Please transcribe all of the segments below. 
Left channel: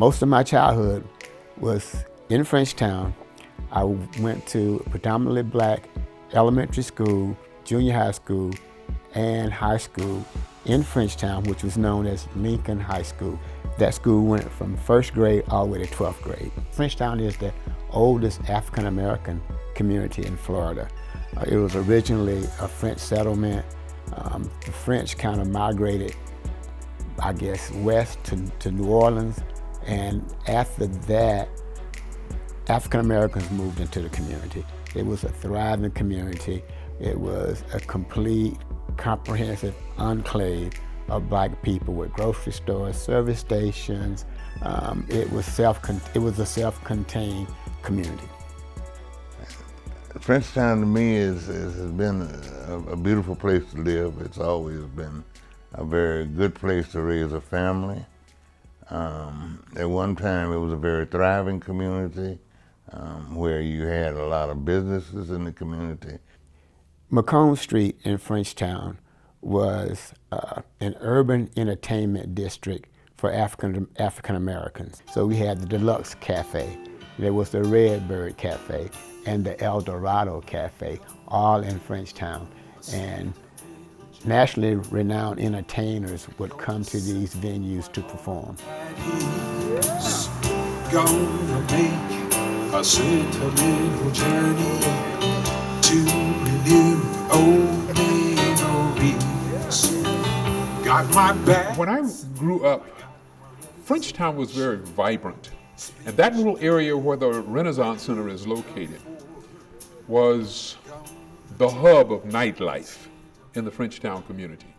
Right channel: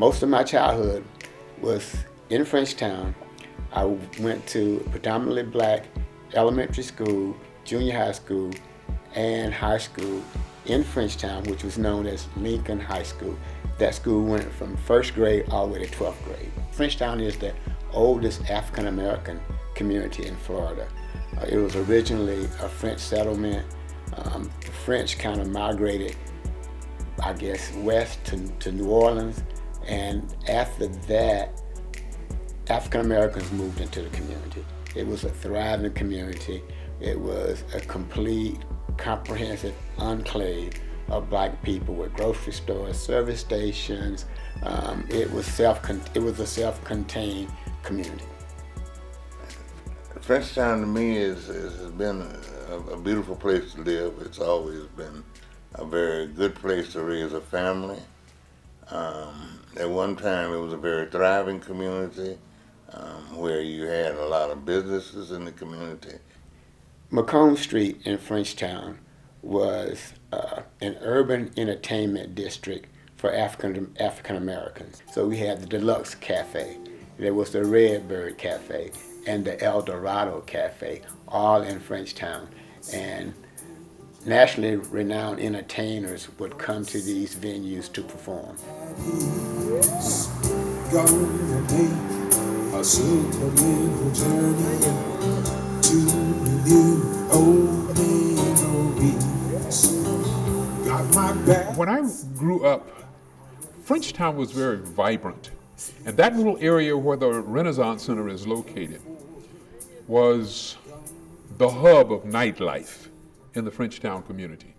Most of my childhood was in Frenchtown. I went to a predominantly black elementary school, junior high school, and high school in Frenchtown, which was known as Lincoln High School. That school went from first grade all the way to 12th grade. Frenchtown is the oldest African American community in Florida. It was originally a French settlement. The French kind of migrated, I guess, west to New Orleans, and after that, African Americans moved into the community. It was a thriving community. It was a complete, comprehensive enclave of black people with grocery stores, service stations. It was a self-contained community. Frenchtown to me has been a beautiful place to live. It's always been a very good place to raise a family. At one time, it was a very thriving community where you had a lot of businesses in the community. Macomb Street in Frenchtown was an urban entertainment district for African Americans. So we had the Deluxe Cafe, there was the Redbird Cafe, and the El Dorado Cafe, all in Frenchtown. And nationally renowned entertainers would come to these venues to perform. Gonna make a simple little journey to relive old memories. Got my back. When I grew up, Frenchtown was very vibrant. And that little area where the Renaissance Center is located was the hub of nightlife in the Frenchtown community.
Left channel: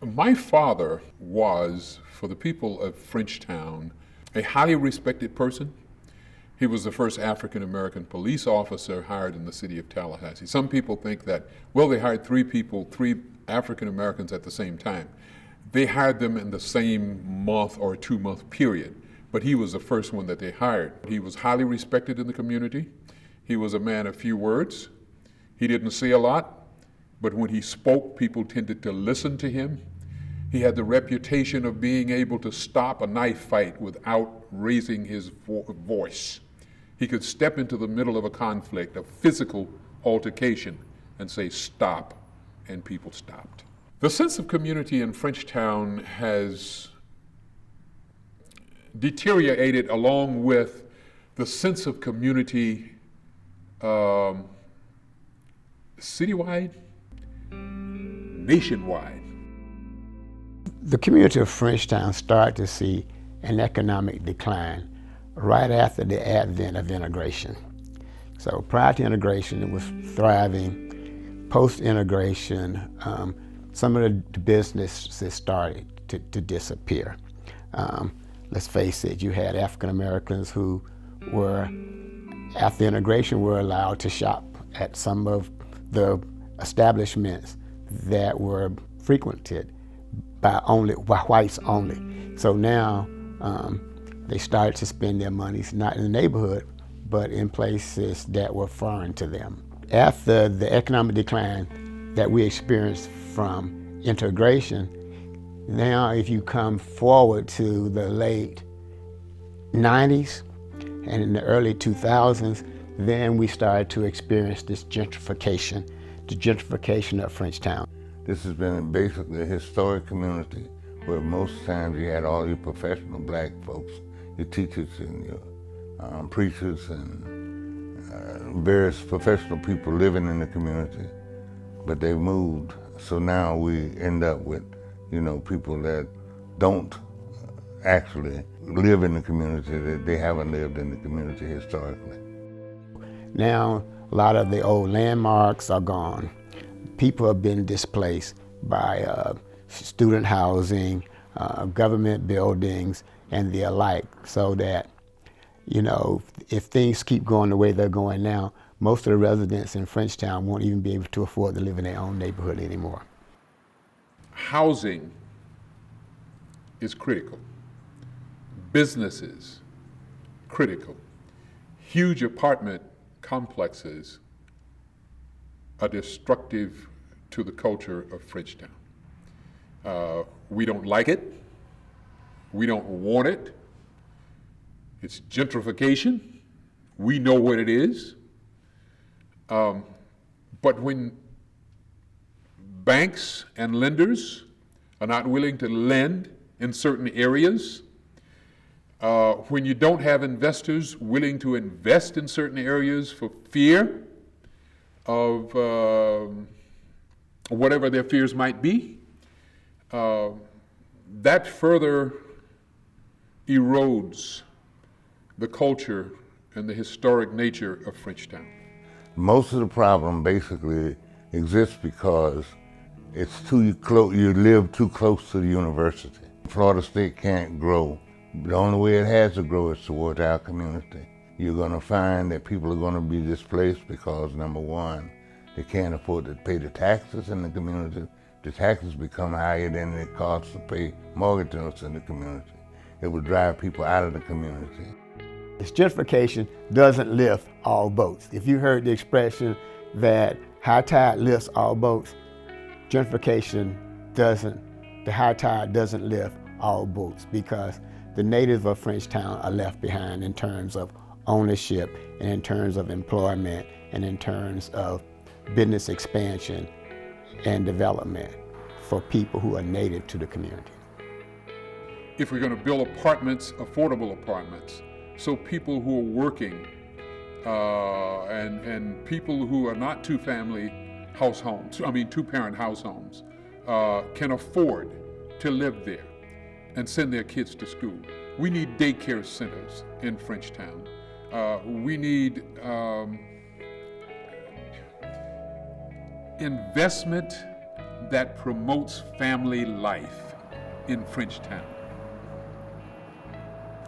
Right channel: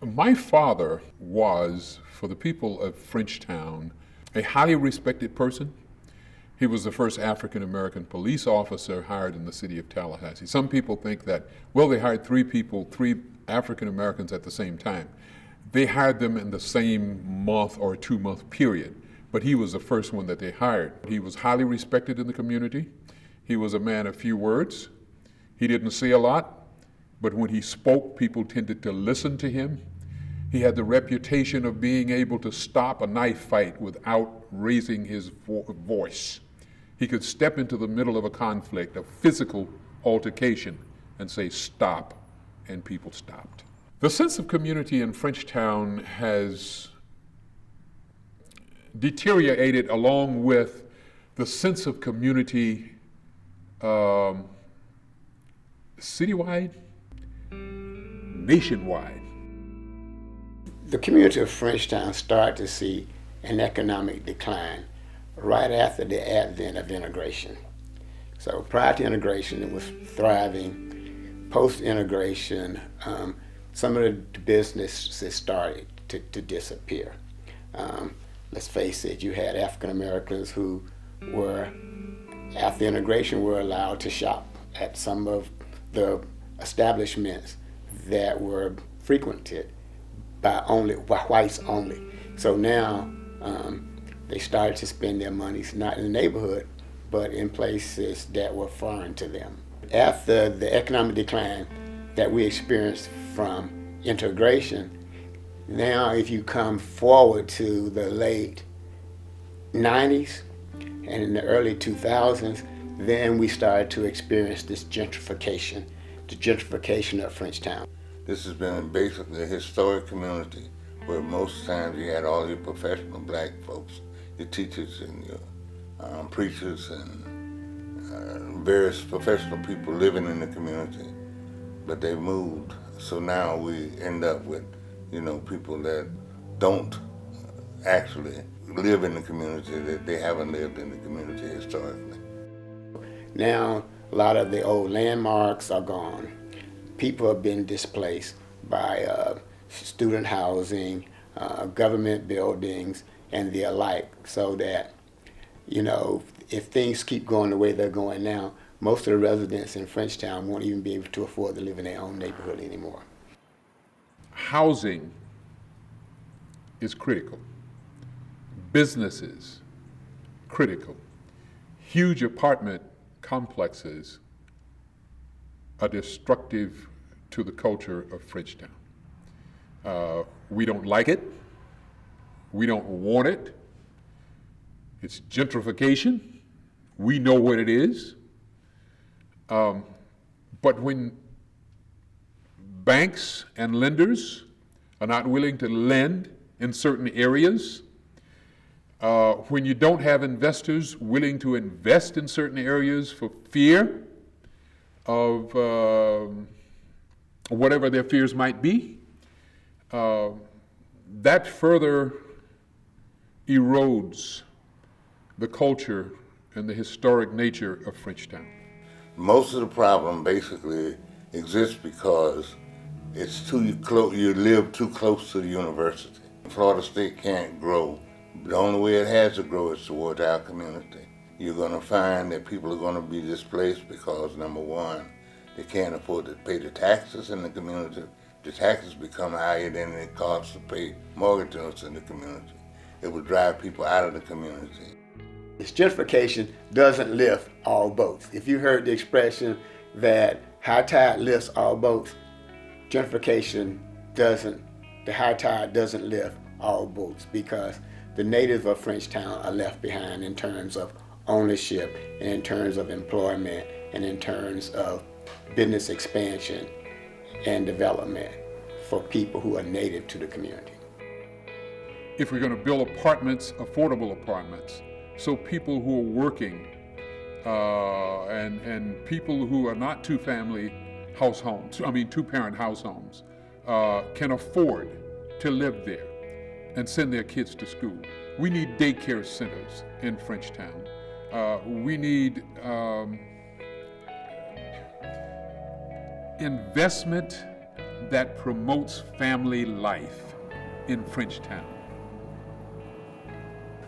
My father was, for the people of Frenchtown, a highly respected person. He was the first African American police officer hired in the city of Tallahassee. Some people think that, well, they hired three African Americans at the same time. They hired them in the same month or 2-month period, but he was the first one that they hired. He was highly respected in the community. He was a man of few words. He didn't say a lot, but when he spoke, people tended to listen to him. He had the reputation of being able to stop a knife fight without raising his voice. He could step into the middle of a conflict, a physical altercation, and say, stop, and people stopped. The sense of community in Frenchtown has deteriorated along with the sense of community citywide, nationwide. The community of Frenchtown started to see an economic decline right after the advent of integration. So prior to integration, it was thriving. Post-integration, some of the businesses started to disappear. Let's face it, you had African Americans who were, after integration, were allowed to shop at some of the establishments that were frequented by whites only. So now they started to spend their monies not in the neighborhood, but in places that were foreign to them. After the economic decline that we experienced from integration, now if you come forward to the late 90s and in the early 2000s, then we started to experience this gentrification, the gentrification of Frenchtown. This has been basically a historic community where most times you had all your professional black folks, your teachers and your preachers and various professional people living in the community, but they moved. So now we end up with, people that don't actually live in the community, that they haven't lived in the community historically. Now, a lot of the old landmarks are gone. People have been displaced by student housing, government buildings, and the alike, so that, if things keep going the way they're going now, most of the residents in Frenchtown won't even be able to afford to live in their own neighborhood anymore. Housing is critical. Businesses, critical. Huge apartment complexes are destructive to the culture of Frenchtown. We don't like it. We don't want it. It's gentrification. We know what it is. But when banks and lenders are not willing to lend in certain areas, when you don't have investors willing to invest in certain areas for fear of whatever their fears might be, that further erodes the culture and the historic nature of Frenchtown. Most of the problem basically exists because it's you live too close to the university. Florida State can't grow. The only way it has to grow is towards our community. You're going to find that people are going to be displaced because, number one, they can't afford to pay the taxes in the community. The taxes become higher than it costs to pay mortgages in the community. It will drive people out of the community. Gentrification doesn't lift all boats. If you heard the expression that high tide lifts all boats, gentrification doesn't, the high tide doesn't lift all boats, because the natives of Frenchtown are left behind in terms of ownership and in terms of employment and in terms of business expansion and development for people who are native to the community. If we're going to build apartments, affordable apartments, so people who are working and people who are not two-parent house homes can afford to live there and send their kids to school. We need daycare centers in Frenchtown. We need investment that promotes family life in Frenchtown.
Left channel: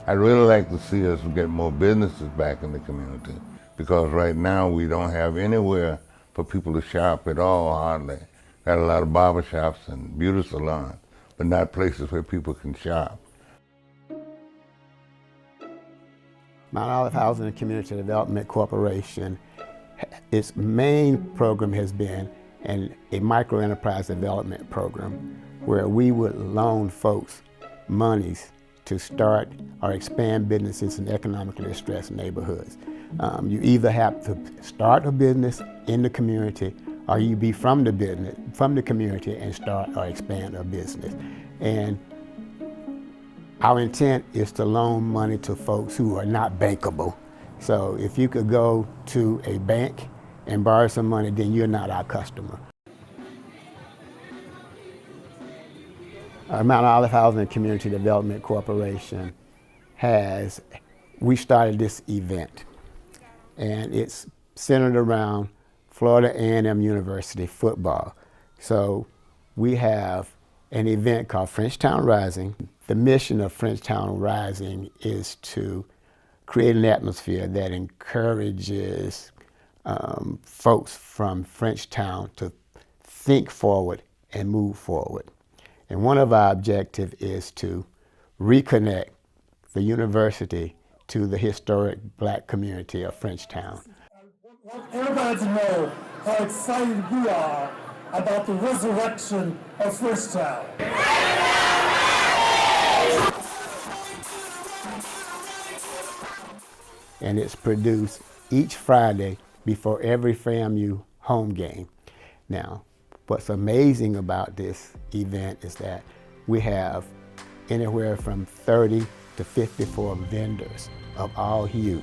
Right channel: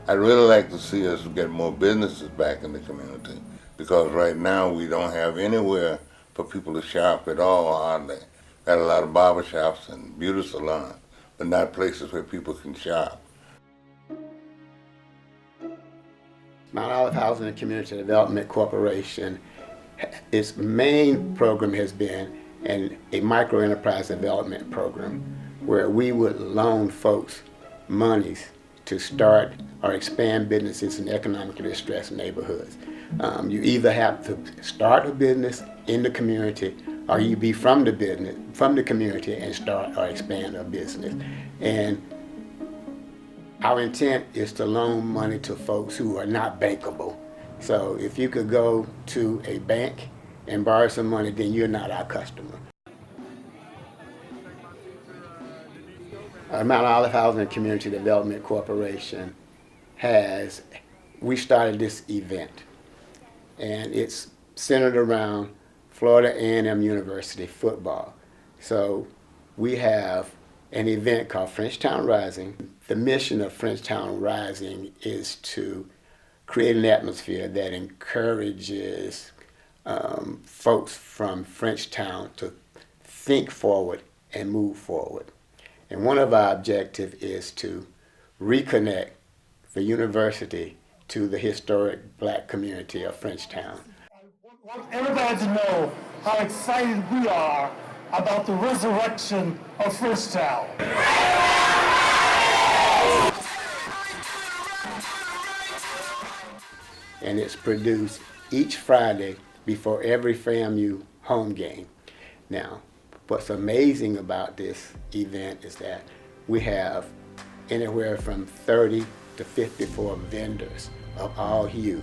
I'd really like to see us get more businesses back in the community, because right now we don't have anywhere for people to shop at all, hardly. Got a lot of barber shops and beauty salons, but not places where people can shop. Mount Olive Housing and Community Development Corporation, its main program has been a microenterprise development program where we would loan folks monies to start or expand businesses in economically distressed neighborhoods. You either have to start a business in the community, or you be from the community and start or expand a business. And our intent is to loan money to folks who are not bankable. So if you could go to a bank and borrow some money, then you're not our customer. Mount Olive Housing and Community Development Corporation we started this event, and it's centered around Florida A&M University football. So we have an event called Frenchtown Rising. The mission of Frenchtown Rising is to create an atmosphere that encourages folks from Frenchtown to think forward and move forward. And one of our objectives is to reconnect the university to the historic black community of Frenchtown. I want everybody to know how excited we are about the resurrection of Frenchtown. And it's produced each Friday before every FAMU home game. Now, what's amazing about this event is that we have anywhere from 30 to 54 vendors of all hue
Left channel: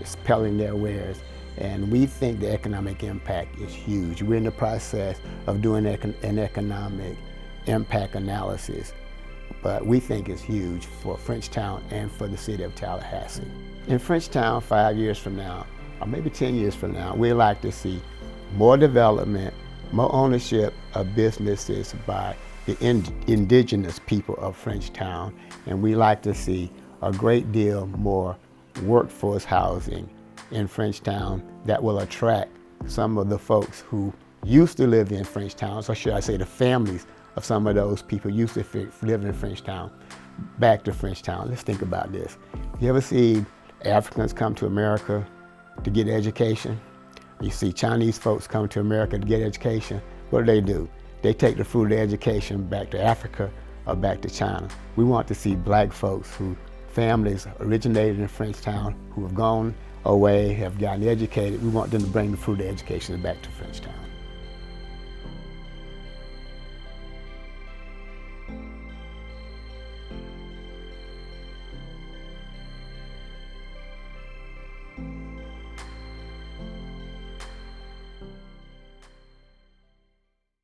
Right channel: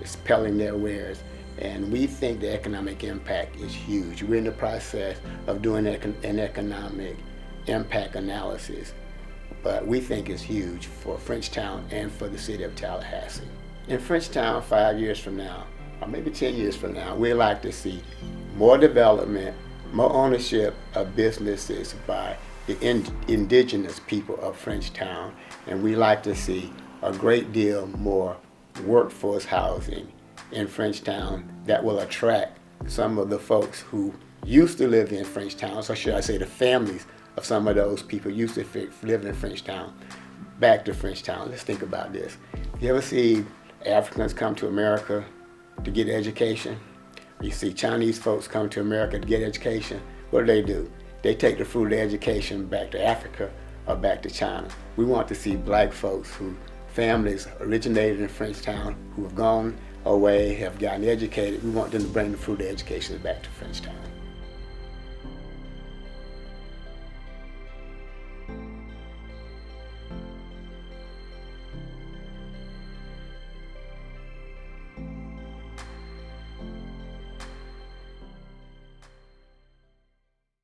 dispelling their wares, and we think the economic impact is huge. We're in the process of doing an economic impact analysis, but we think it's huge for Frenchtown and for the city of Tallahassee. In Frenchtown, 5 years from now, or maybe 10 years from now, we'd like to see more development, more ownership of businesses by the indigenous people of Frenchtown, and we like to see a great deal more workforce housing in Frenchtown that will attract some of the folks who used to live in Frenchtown, so should I say the families of some of those people used to live in Frenchtown, back to Frenchtown. Let's think about this. You ever see Africans come to America to get education? You see Chinese folks come to America to get education. What do? They take the fruit of their education back to Africa or back to China. We want to see black folks who families originated in Frenchtown who have gone away, have gotten educated. We want them to bring the fruit of education back to Frenchtown.